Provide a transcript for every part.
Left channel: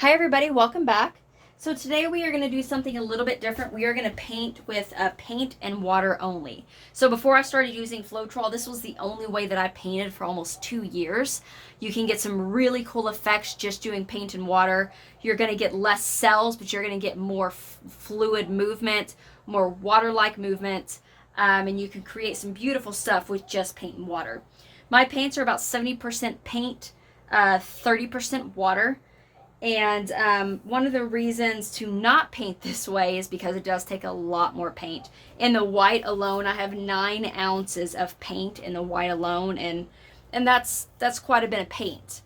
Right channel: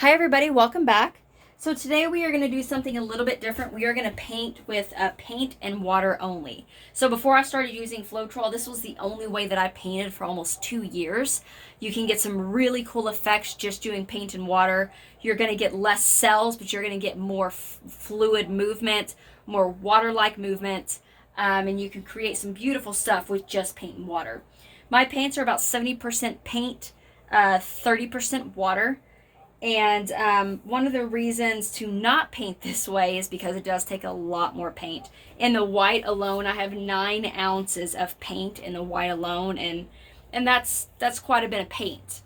Hi everybody, welcome back. So today we are going to do something a little bit different. We are going to paint with paint and water only. So before I started using Floetrol, this was the only way that I painted for almost 2 years. You can get some really cool effects just doing paint and water. You're going to get less cells, but you're going to get more fluid movement, more water-like movement, and you can create some beautiful stuff with just paint and water. My paints are about 70% paint, 30% water. And one of the reasons to not paint this way is because it does take a lot more paint. In the white alone, I have 9 ounces of paint in the white alone, and that's quite a bit of paint.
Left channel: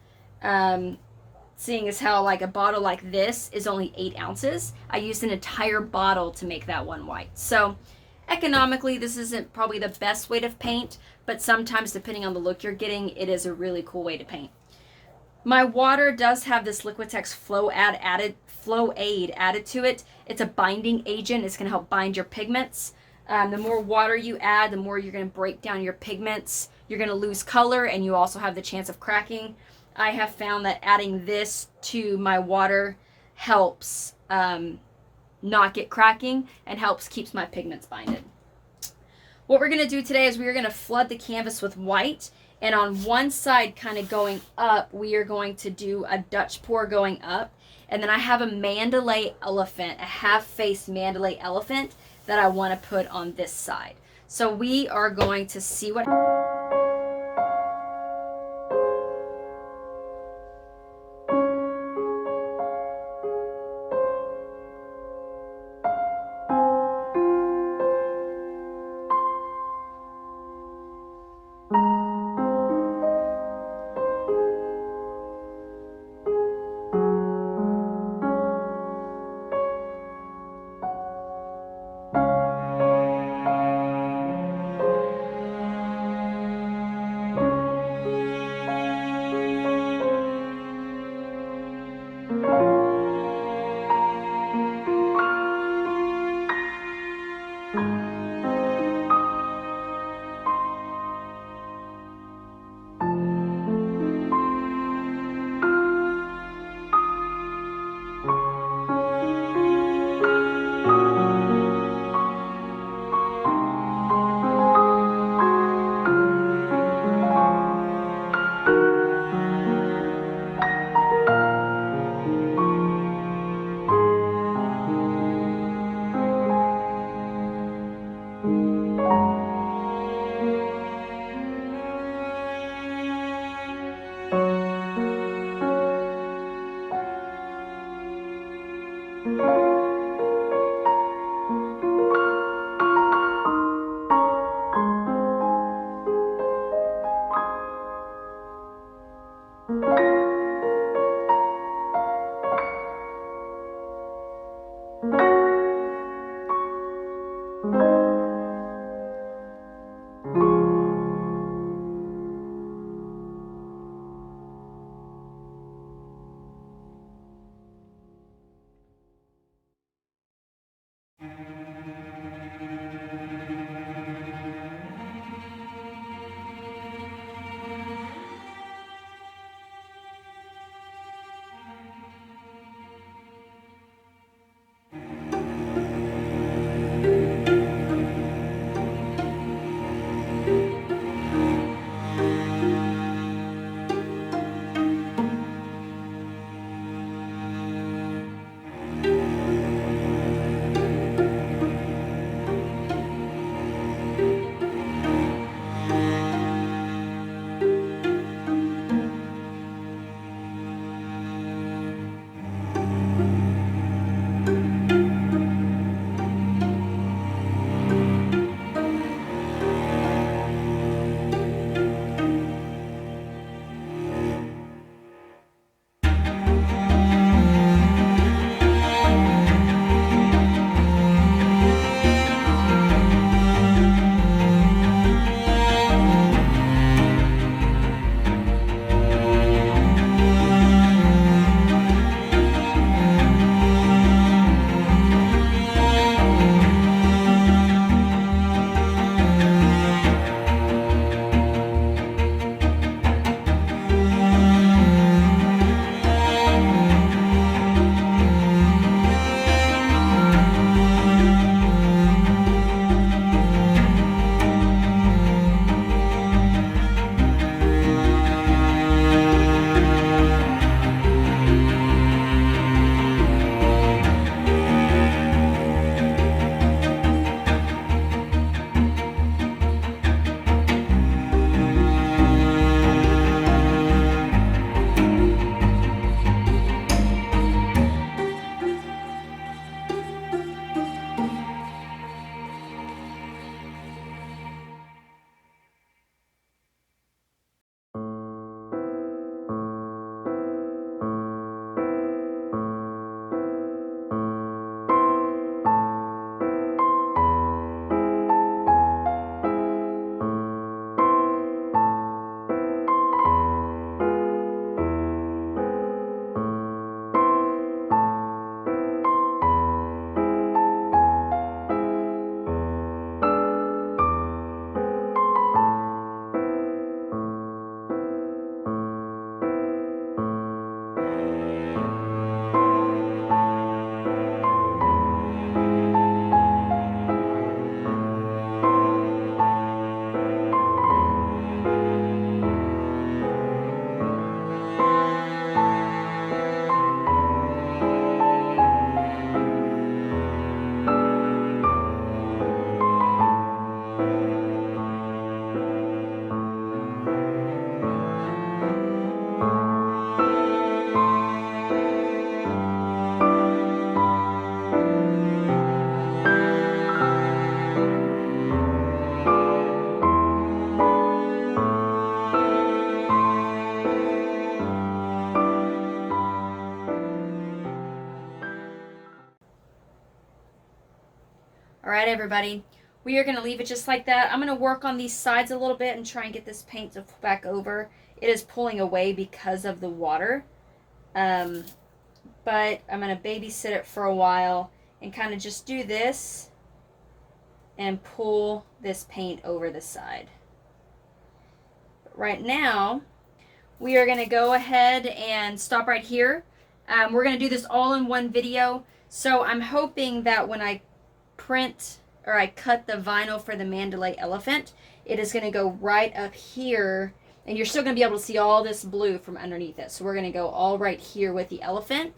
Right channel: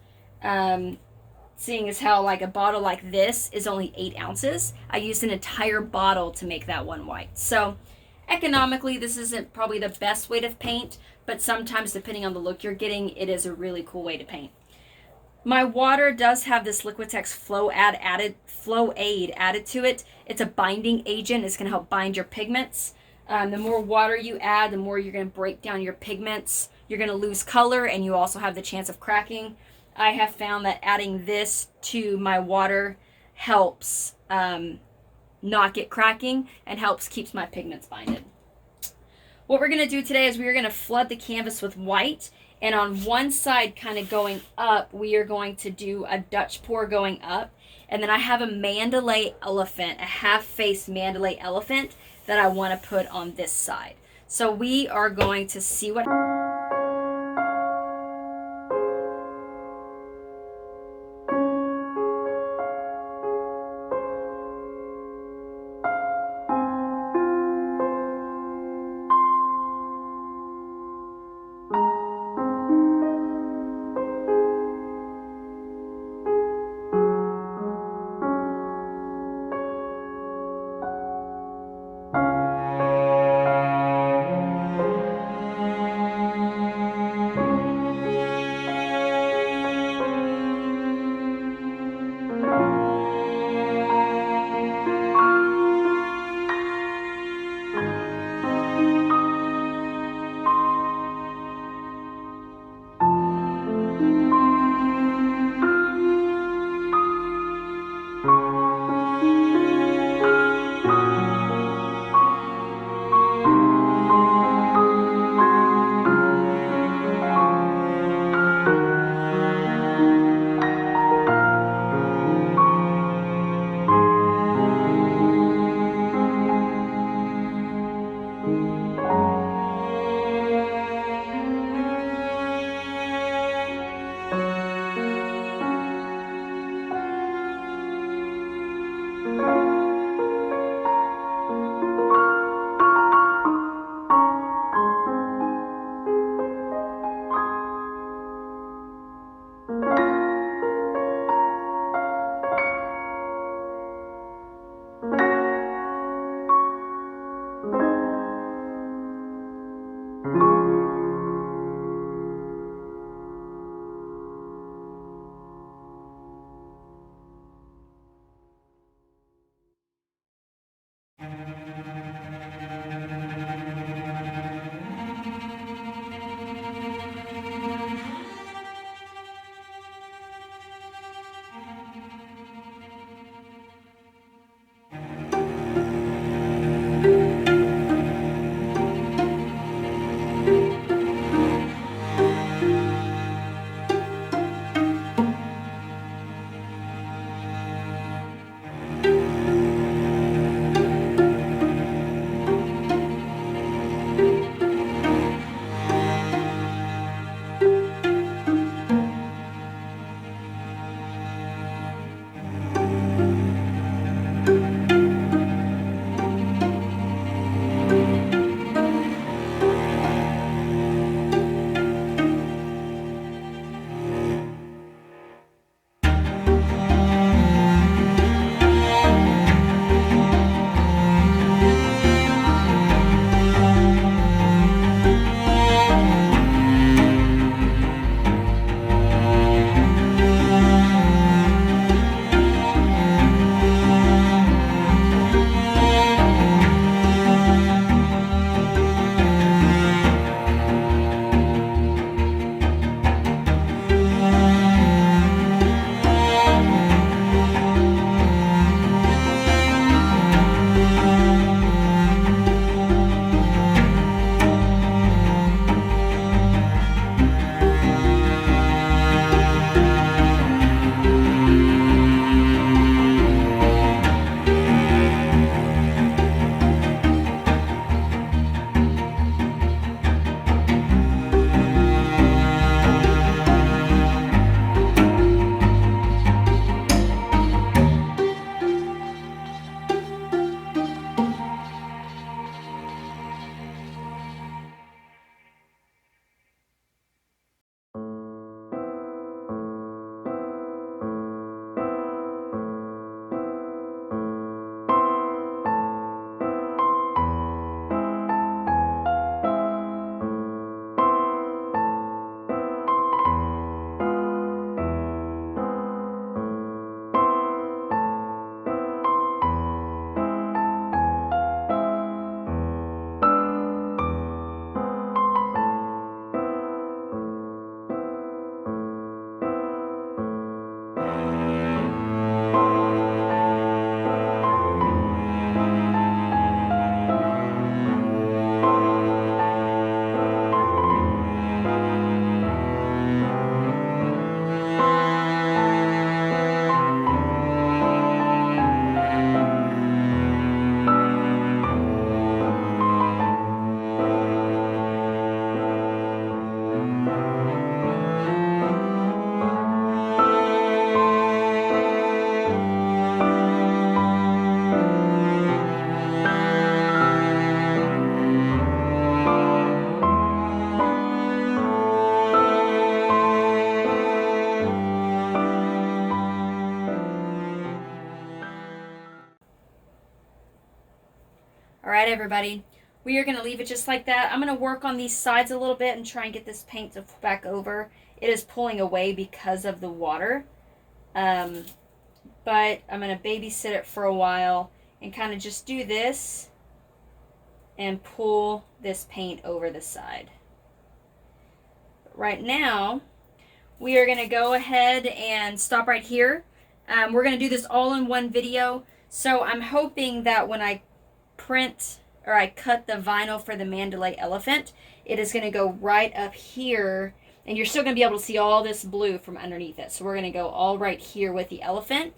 Seeing as how like a bottle like this is only 8 ounces, I used an entire bottle to make that one white. So economically, this isn't probably the best way to paint, but sometimes depending on the look you're getting, it is a really cool way to paint. My water does have this Liquitex Flow Aid added to it. It's a binding agent. It's going to help bind your pigments. The more water you add, the more you're going to break down your pigments. You're going to lose color, and you also have the chance of cracking. I have found that adding this to my water helps not get cracking and helps keeps my pigments binded. What we're going to do today is we are going to flood the canvas with white. And on one side, kind of going up, we are going to do a Dutch pour going up. And then I have a Mandalay elephant, a half-faced Mandalay elephant that I want to put on this side. So we are going to see what... everybody. We are going to leave it just like that. I'm going to work on these sides a little bit and try and get this paint to back over. It is pulling away because of the water. But I'm going to babysit it for a while and kind of just do this and pull this paint over the side. But right now, we are going to go ahead and stop right here. We're going to do this all in one video. So I'm hoping that when I print or I cut the vinyl for the Mandalay elephant, it is going to go right up here, and you're still going to be able to see all this blue from underneath it. So we're going to go all right here with the elephant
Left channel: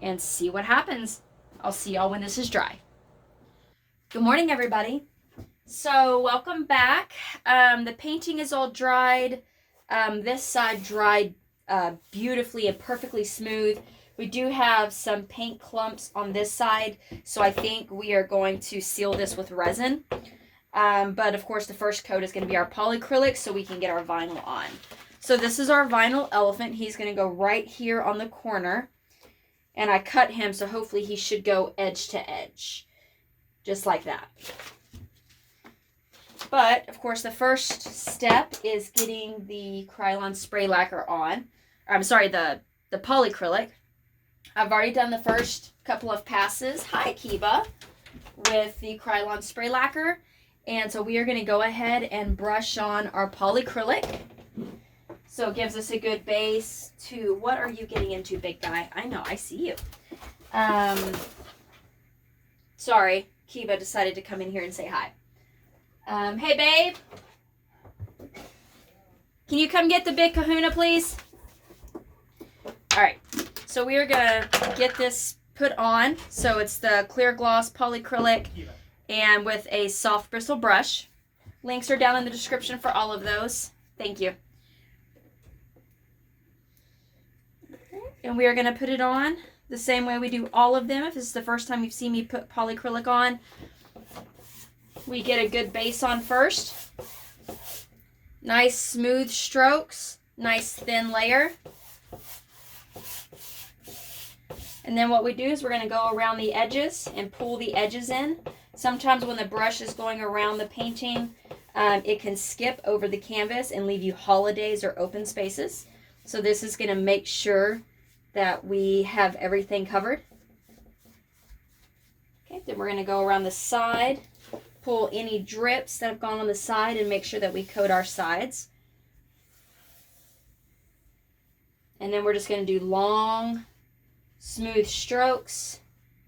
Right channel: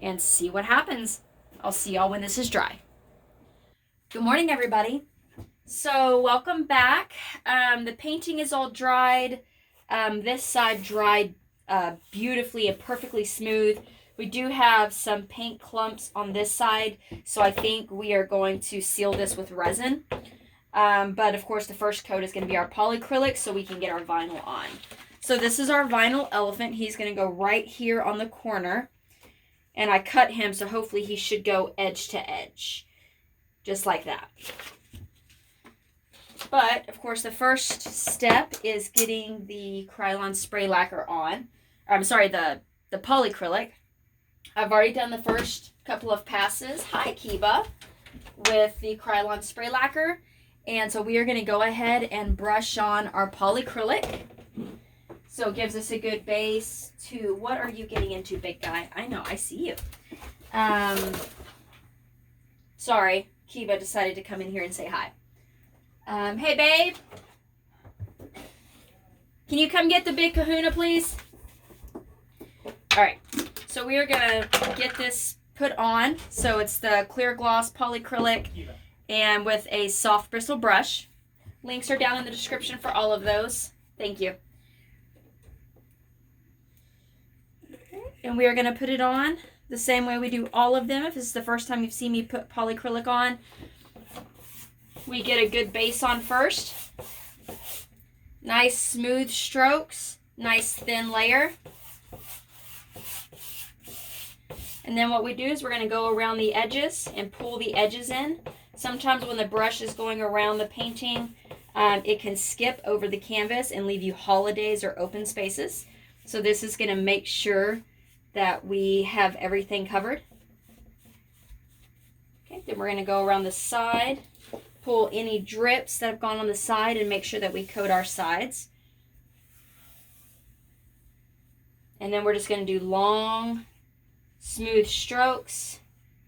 and see what happens. I'll see y'all when this is dry. Good morning, everybody. So welcome back. The painting is all dried. This side dried beautifully and perfectly smooth. We do have some paint clumps on this side, so I think we are going to seal this with resin. But of course the first coat is going to be our polycrylic so we can get our vinyl on. So this is our vinyl elephant. He's going to go right here on the corner. And I cut him, so hopefully he should go edge to edge. Just like that. But, of course, the first step is getting the Krylon spray lacquer on. I'm sorry, the polycrylic. I've already done the first couple of passes. Hi, Kiba. With the Krylon spray lacquer. And so we are going to go ahead and brush on our polycrylic. So it gives us a good base to, what are you getting into, big guy? I know, I see you. Sorry, Kiba decided to come in here and say hi. Hey, babe. Can you come get the big kahuna, please? All right, so we are going to get this put on. So it's the clear gloss polycrylic and with a soft bristle brush. Links are down in the description for all of those. Thank you. And we are going to put it on the same way we do all of them. If this is the first time you've seen me put polycrylic on, we get a good base on first. Nice smooth strokes, nice thin layer. And then what we do is we're going to go around the edges and pull the edges in. Sometimes when the brush is going around the painting, it can skip over the canvas and leave you holidays or open spaces. So this is going to make sure that we have everything covered. Okay, then we're going to go around the side, pull any drips that have gone on the side and make sure that we coat our sides. And then we're just going to do long, smooth strokes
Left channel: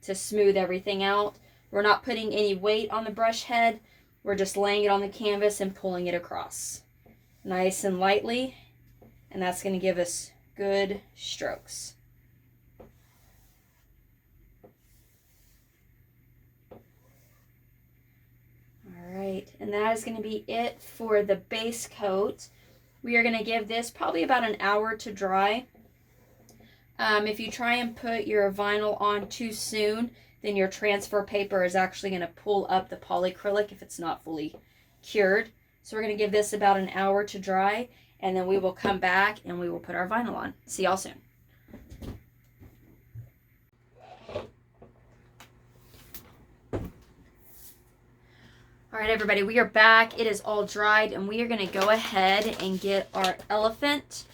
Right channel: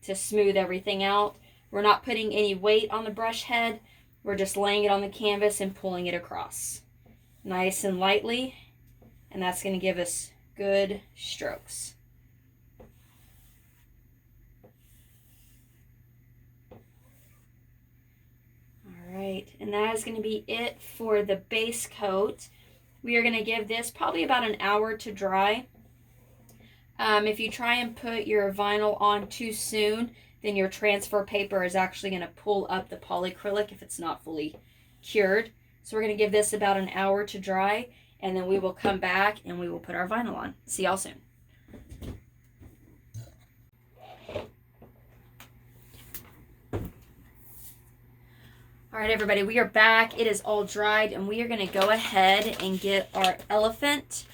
to smooth everything out. We're not putting any weight on the brush head. We're just laying it on the canvas and pulling it across. Nice and lightly. And that's going to give us good strokes. Alright, and that is going to be it for the base coat. We are going to give this probably about an hour to dry. If you try and put your vinyl on too soon, then your transfer paper is actually going to pull up the polycrylic if it's not fully cured. So we're going to give this about an hour to dry, and then we will come back and we will put our vinyl on. See y'all soon. All right, everybody, we are back. It is all dried, and we are going to go ahead and get our elephant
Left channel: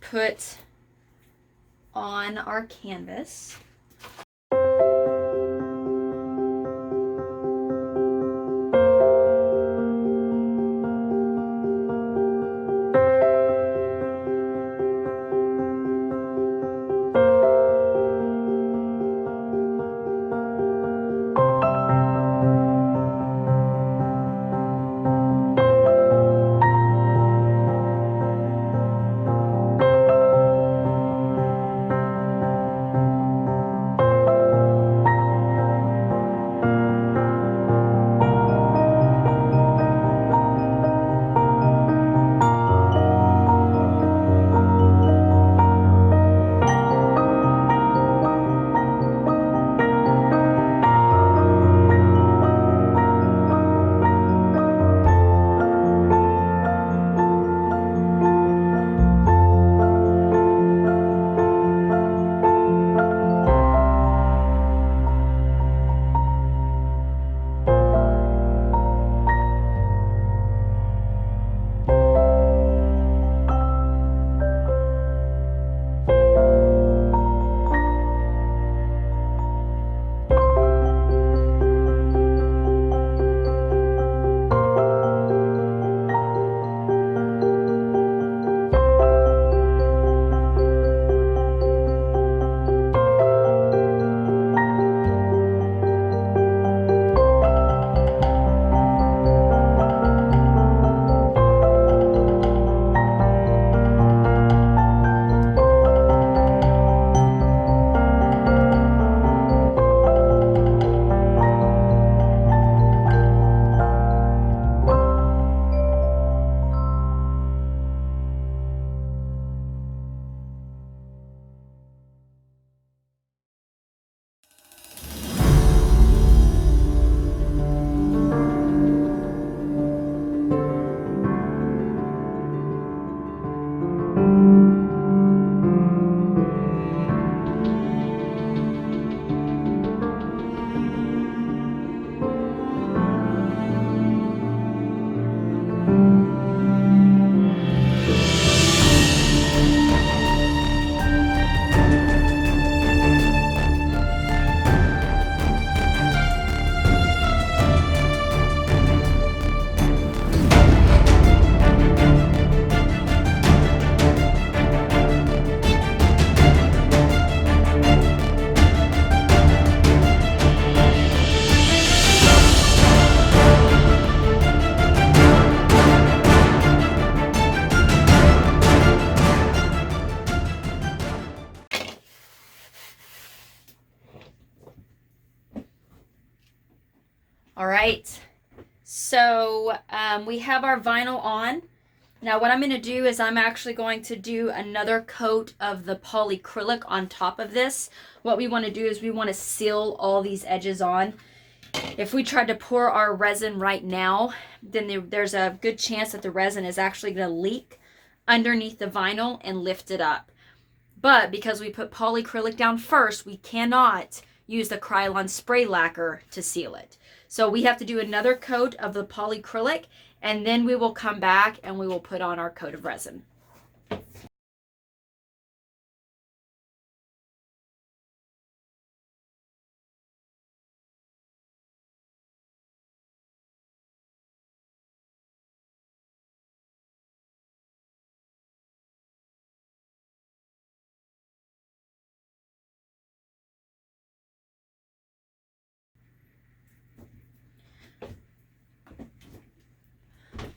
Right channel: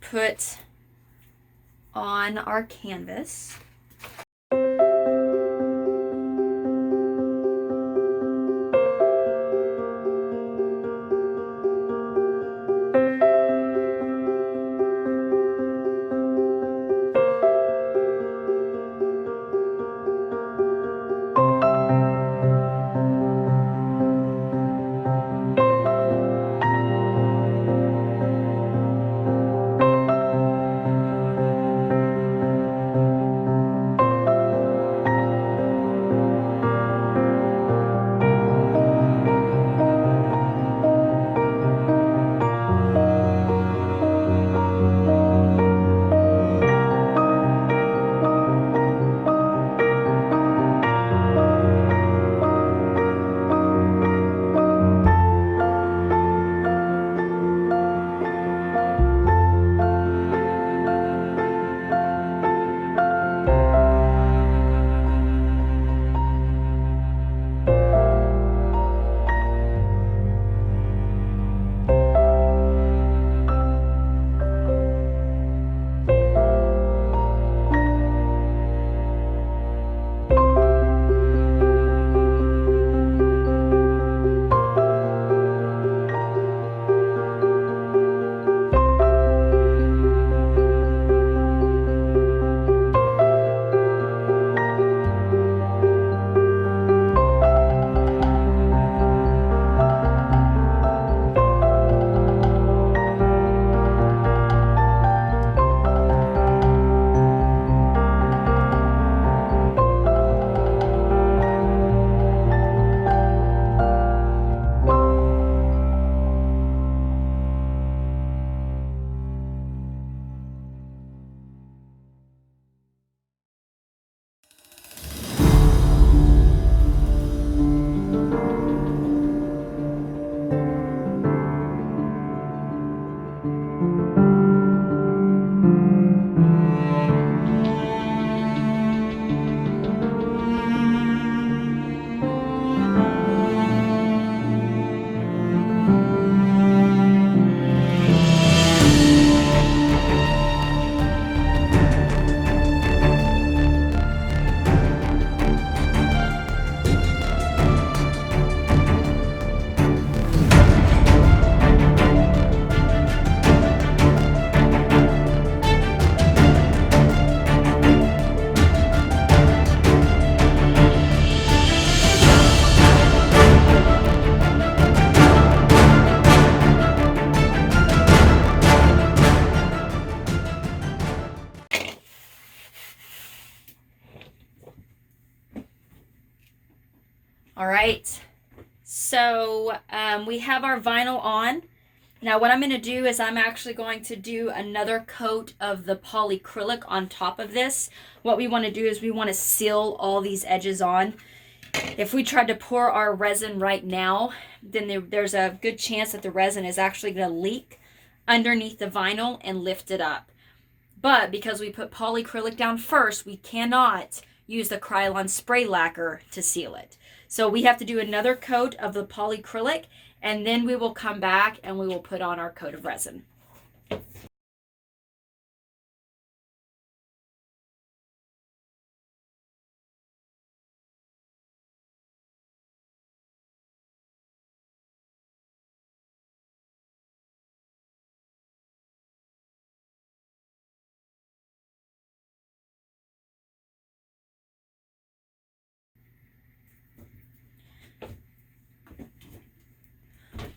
put on our canvas. right, so we have our vinyl on. Now what I'm going to do is I'm actually going to do another coat of the polycrylic on top of this. What we want to do is we want to seal all these edges on. If we tried to pour our resin right now, then there's a good chance that the resin is actually going to leak underneath the vinyl and lift it up. But because we put polycrylic down first, we cannot use the Krylon spray lacquer to seal it. So we have to do another coat of the polycrylic, and then we will come back and we will put on our coat of resin.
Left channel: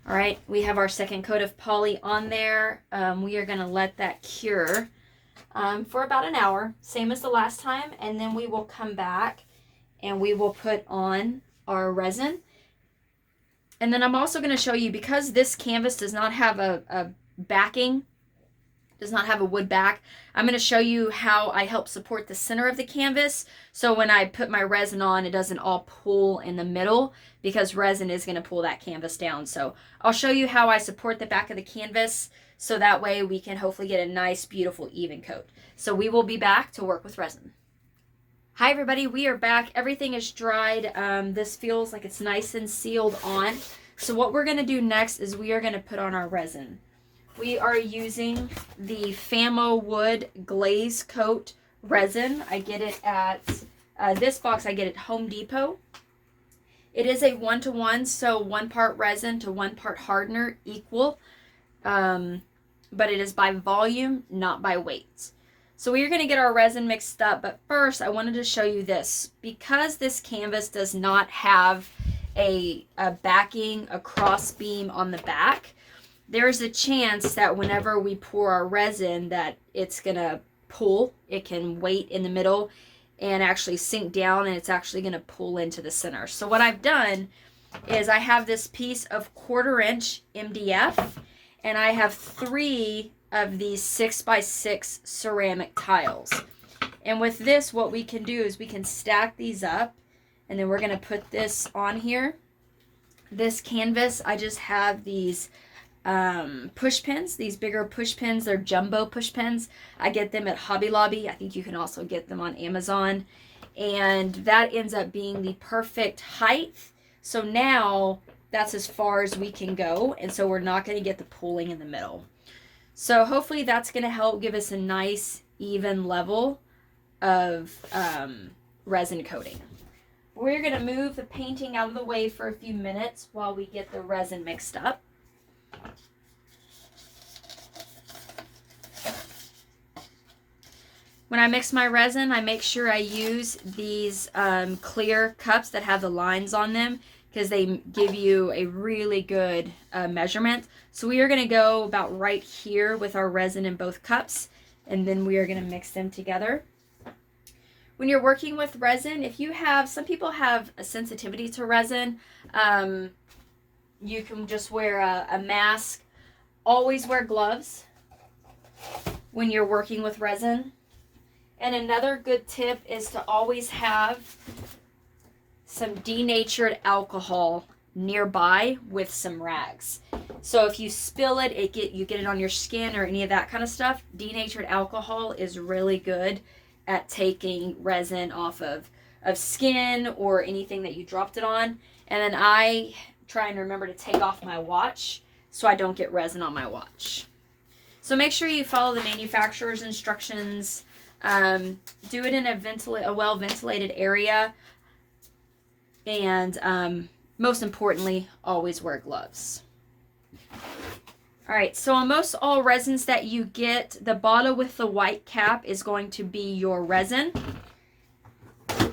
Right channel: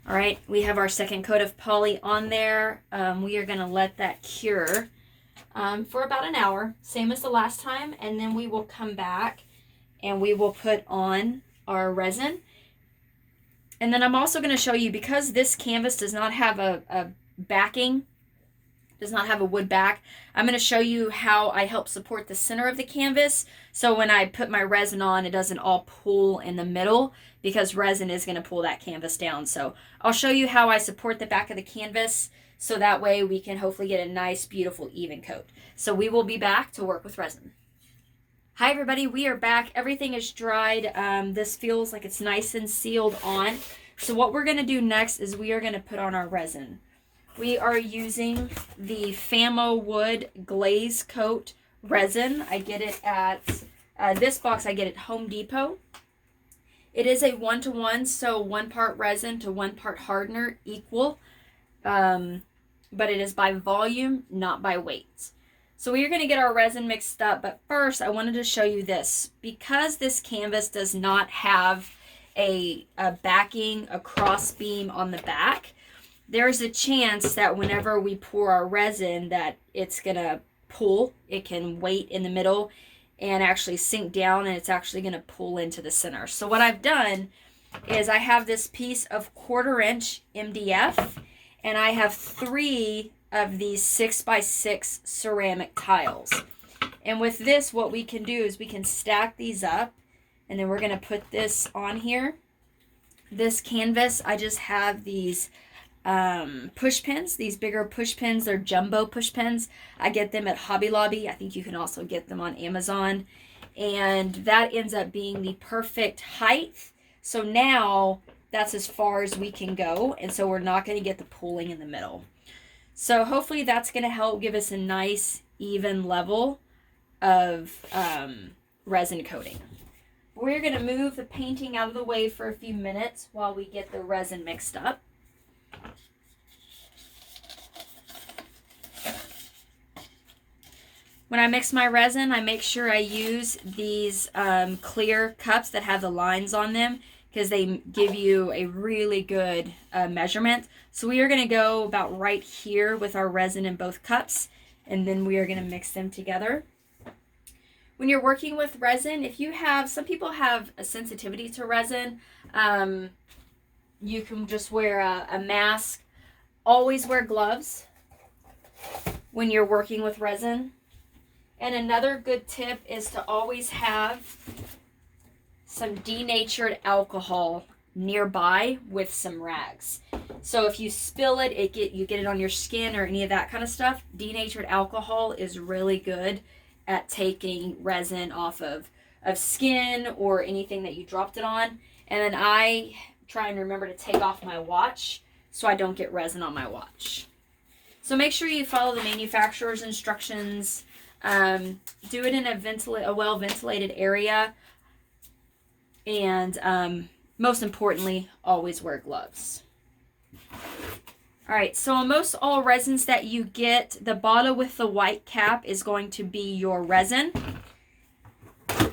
All right, we have our second coat of poly on there. We are going to let that cure for about an hour, same as the last time, and then we will come back and we will put on our resin. And then I'm also going to show you, because this canvas does not have a backing, does not have a wood back, I'm going to show you how I help support the center of the canvas. So when I put my resin on, it doesn't all pull in the middle, because resin is going to pull that canvas down. So I'll show you how I support the back of the canvas, so that way we can hopefully get a nice, beautiful, even coat. So we will be back to work with resin. Hi everybody, we are back. Everything is dried. This feels like it's nice and sealed on. So what we're going to do next is we are going to put on our resin. We are using the Famo Wood Glaze Coat resin. I get it at, this box I get at Home Depot. It is a 1-to-1, so 1 part resin to 1 part hardener equal. But it is by volume, not by weight. So we are going to get our resin mixed up, but first I wanted to show you this. Because this canvas does not have a backing, a cross beam on the back, there's a chance that whenever we pour our resin that it's going to pull. It can weight in the middle and actually sink down, and it's actually going to pull into the center. So what I've done is I have this piece of 1/4" MDF, and I have 3 of these 6x6 ceramic tiles. And with this, what we can do is we can stack these up, and then we're going to put this on here. This canvas, I just have these push pins, these bigger push pins. They're jumbo push pins. I get them at Hobby Lobby. I think you can also get them on Amazon. And that ends up being the perfect height. So now that's as far as we can go. And so we're not going to get the pooling in the middle. So hopefully that's going to help give us a nice even level of resin coating. We're going to move the painting out of the way for a few minutes while we get the resin mixed up. When I mix my resin, I make sure I use these clear cups that have the lines on them, because they give you a really good measurement. So we are going to go about right here with our resin in both cups, and then we are going to mix them together. When you're working with resin, if you have, some people have a sensitivity to resin, you can just wear a mask. Always wear gloves when you're working with resin. And another good tip is to always have some denatured alcohol nearby with some rags. So if you spill it, you get it on your skin or any of that kind of stuff. Denatured alcohol is really good at taking resin off of skin or anything that you dropped it on. And then I try and remember to take off my watch so I don't get resin on my watch. So make sure you follow the manufacturer's instructions. Do it in a well-ventilated area. And most importantly, always wear gloves. All right, so on most all resins that you get, the bottle with the white cap is going to be your resin.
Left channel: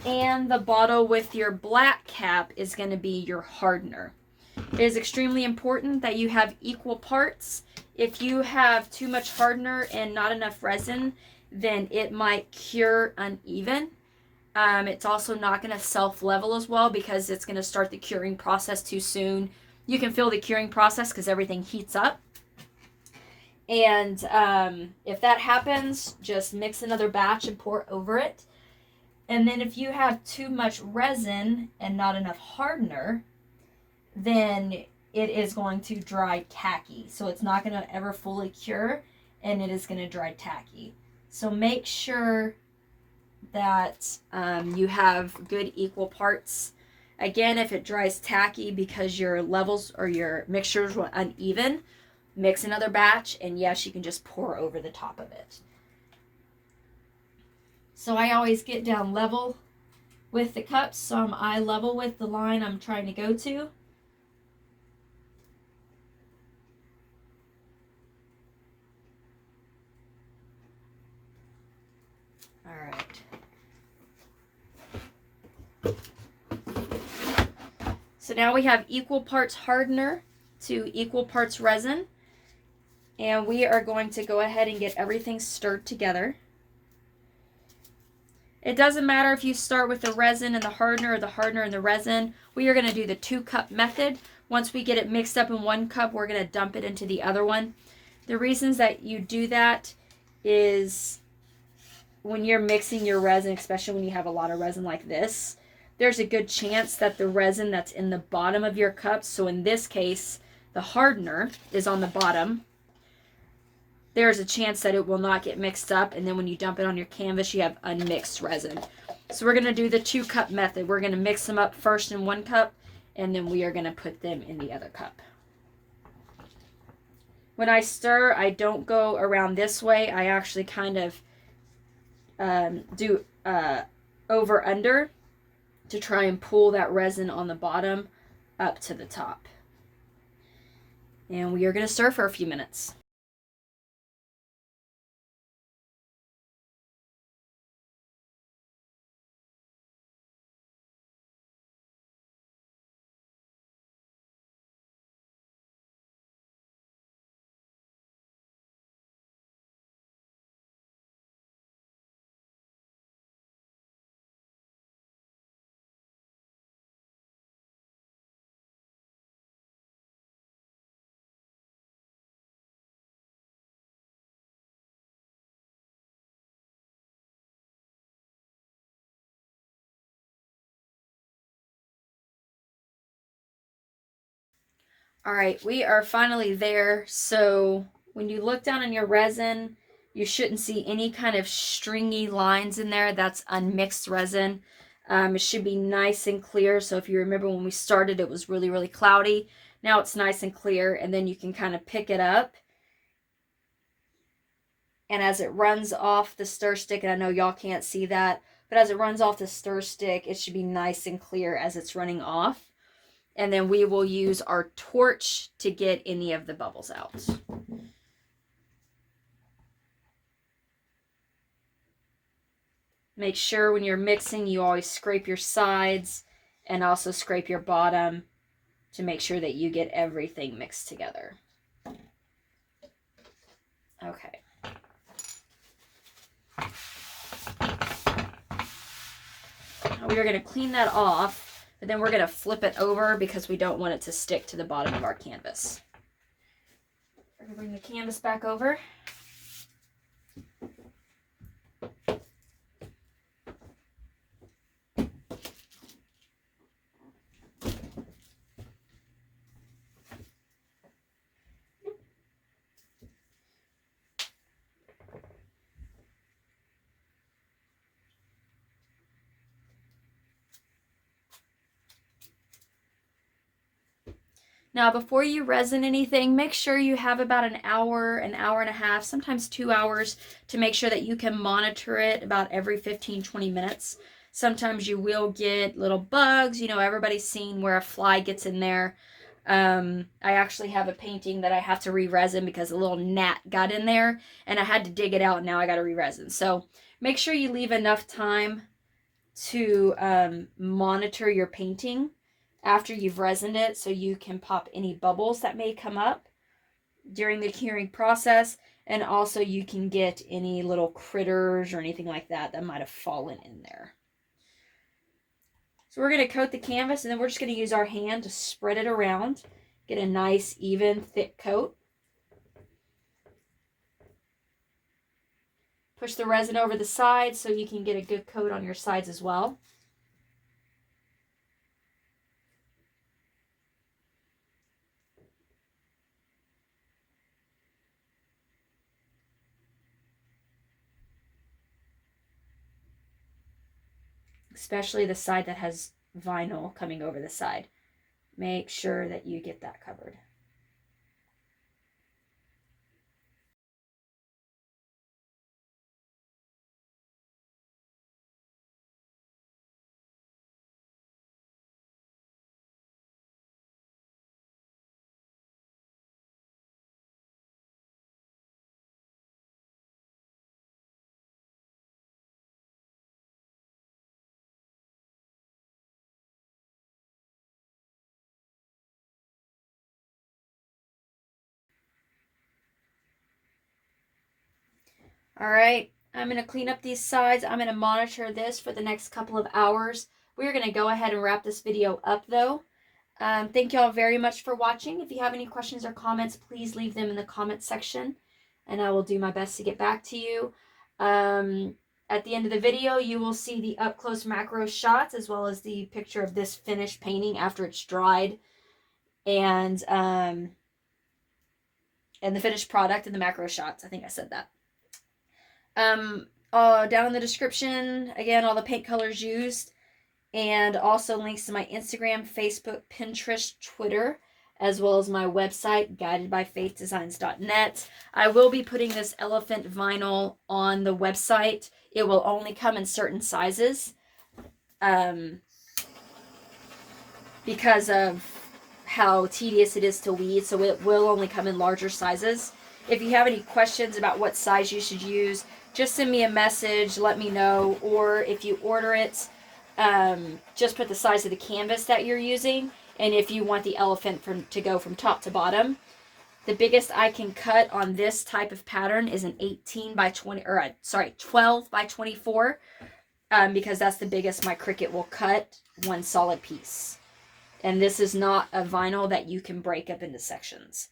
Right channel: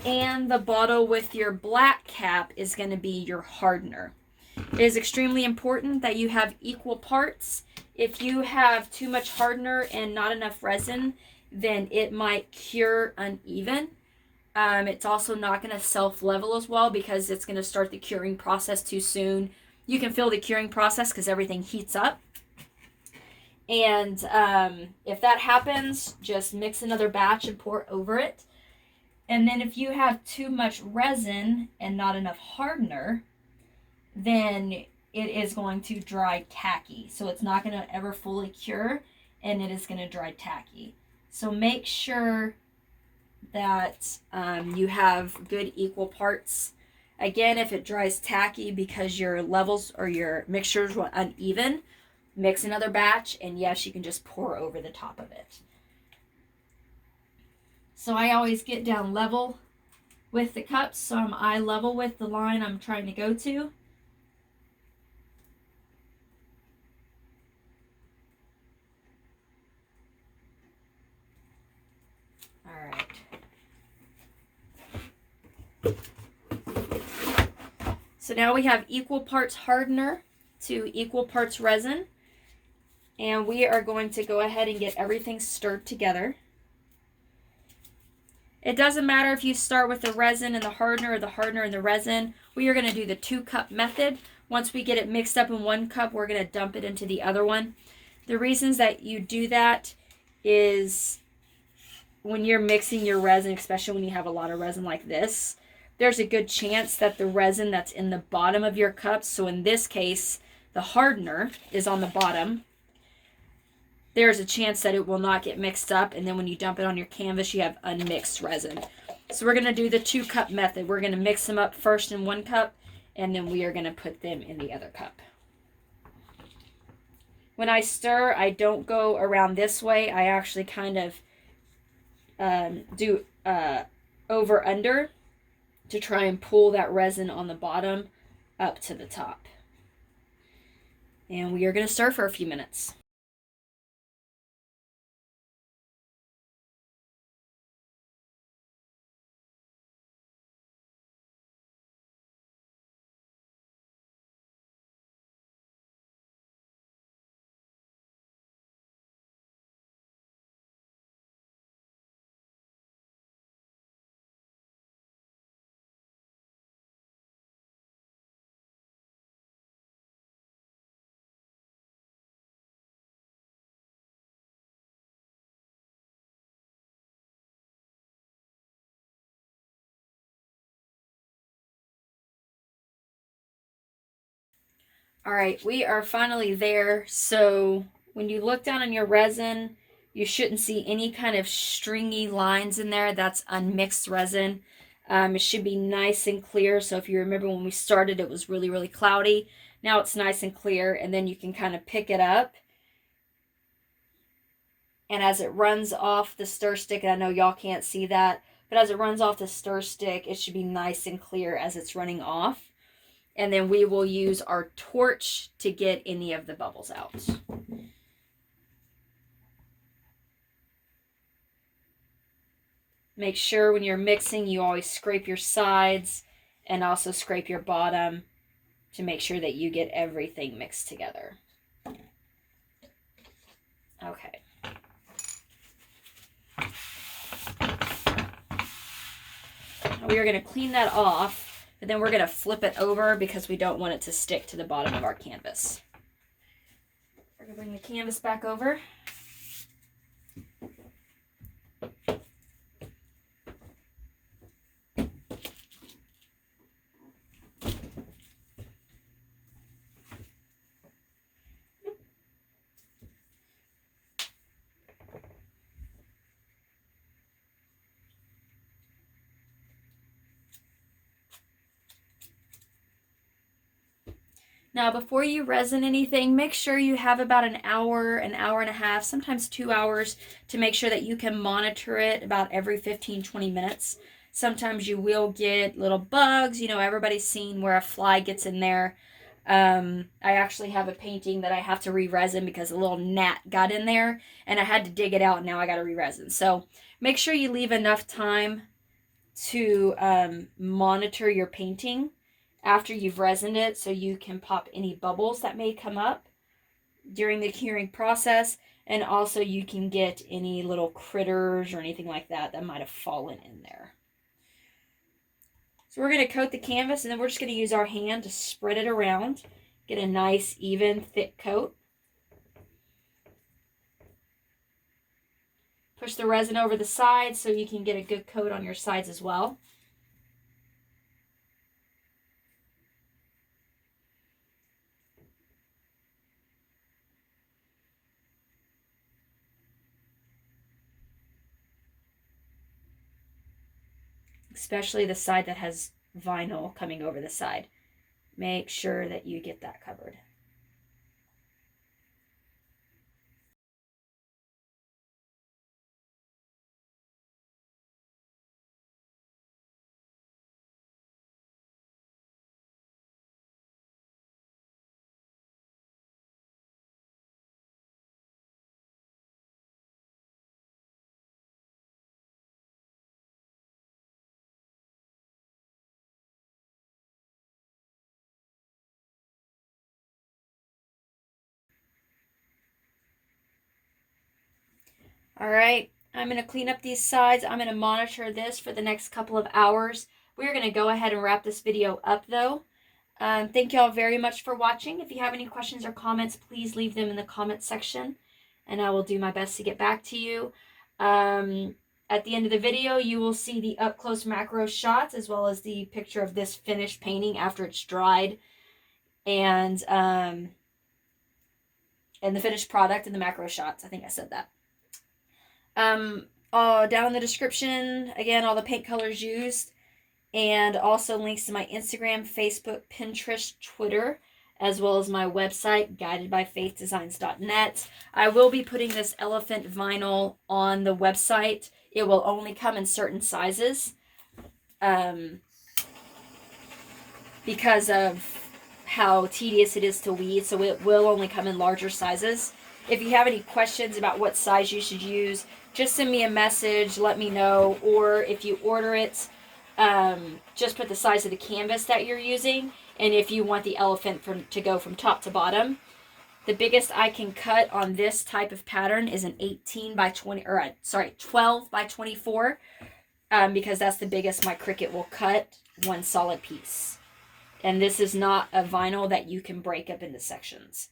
And the bottle with your black cap is going to be your hardener. It is extremely important that you have equal parts. If you have too much hardener and not enough resin, then it might cure uneven. It's also not going to self-level as well because it's going to start the curing process too soon. You can feel the curing process because everything heats up. And if that happens, just mix another batch and pour over it. And then if you have too much resin and not enough hardener, then it is going to dry tacky. So it's not going to ever fully cure, and it is going to dry tacky. So make sure that you have good equal parts. Again, if it dries tacky because your levels or your mixtures were uneven, mix another batch, and yes, you can just pour over the top of it. So I always get down level with the cups, so I'm eye level with the line I'm trying to go to. All right. So now we have equal parts hardener to equal parts resin, and we are going to go ahead and get everything stirred together. It doesn't matter if you start with the resin and the hardener or the hardener and the resin. We are going to do the 2-cup method. Once we get it mixed up in 1 cup, we're going to dump it into the other one. The reasons that you do that is when you're mixing your resin, especially when you have a lot of resin like this, there's a good chance that the resin that's in the bottom of your cup, so in this case, the hardener is on the bottom, there's a chance that it will not get mixed up, and then when you dump it on your canvas, you have unmixed resin. So we're going to do the 2-cup method. We're going to mix them up first in 1 cup, and then we are going to put them in the other cup. When I stir, I don't go around this way. I actually kind of do over under to try and pull that resin on the bottom up to the top. And we are going to stir for a few minutes. All right, we are finally there. So when you look down on your resin, you shouldn't see any kind of stringy lines in there. That's unmixed resin. It should be nice and clear. So if you remember when we started, it was really, really cloudy. Now it's nice and clear, and then you can kind of pick it up. And as it runs off the stir stick, and I know y'all can't see that, but as it runs off the stir stick, it should be nice and clear as it's running off. And then we will use our torch to get any of the bubbles out. Make sure when you're mixing, you always scrape your sides and also scrape your bottom to make sure that you get everything mixed together. Okay. We are going to clean that off. But then we're going to flip it over because we don't want it to stick to the bottom of our canvas. We're going to bring the canvas back over. Now, before you resin anything, make sure you have about an hour and a half, sometimes 2 hours, to make sure that you can monitor it about every 15-20 minutes. Sometimes you will get little bugs. You know, everybody's seen where a fly gets in there. I actually have a painting that I have to re-resin because a little gnat got in there, and I had to dig it out, and now I got to re-resin. So make sure you leave enough time to monitor your painting after you've resined it, so you can pop any bubbles that may come up during the curing process, and also you can get any little critters or anything like that that might have fallen in there. So we're going to coat the canvas, and then we're just going to use our hand to spread it around. Get a nice, even, thick coat. Push the resin over the sides so you can get a good coat on your sides as well. Especially the side that has vinyl coming over the side. Make sure that you get that covered. All right, I'm going to clean up these sides. I'm going to monitor this for the next couple of hours. We're going to go ahead and wrap this video up though. Thank you all very much for watching. If you have any questions or comments, please leave them in the comment section, and I will do my best to get back to you. At the end of the video, you will see the up-close macro shots as well as the picture of this finished painting after it's dried, and the finished product and the macro shots. I think I said that. Down in the description, again, all the paint colors used, and also links to my Instagram, Facebook, Pinterest, Twitter, as well as my website, guidedbyfaithdesigns.net. I will be putting this elephant vinyl on the website. It will only come in certain sizes because of how tedious it is to weed, so it will only come in larger sizes. If you have any questions about what size you should use, just send me a message, let me know, or if you order it, just put the size of the canvas that you're using, and if you want the elephant to go from top to bottom. The biggest I can cut on this type of pattern is an 18 by 20, or sorry, 12 by 24, because that's the biggest my Cricut will cut one solid piece. And this is not a vinyl that you can break up into sections.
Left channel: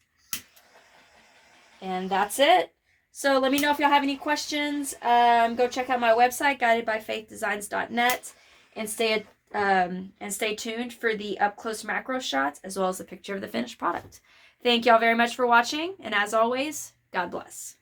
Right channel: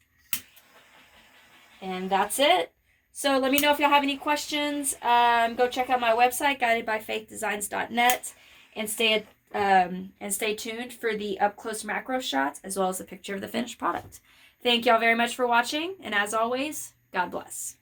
And that's it. So let me know if y'all have any questions. Go check out my website, guidedbyfaithdesigns.net, and stay tuned for the up-close macro shots as well as a picture of the finished product. Thank y'all very much for watching, and as always, God bless.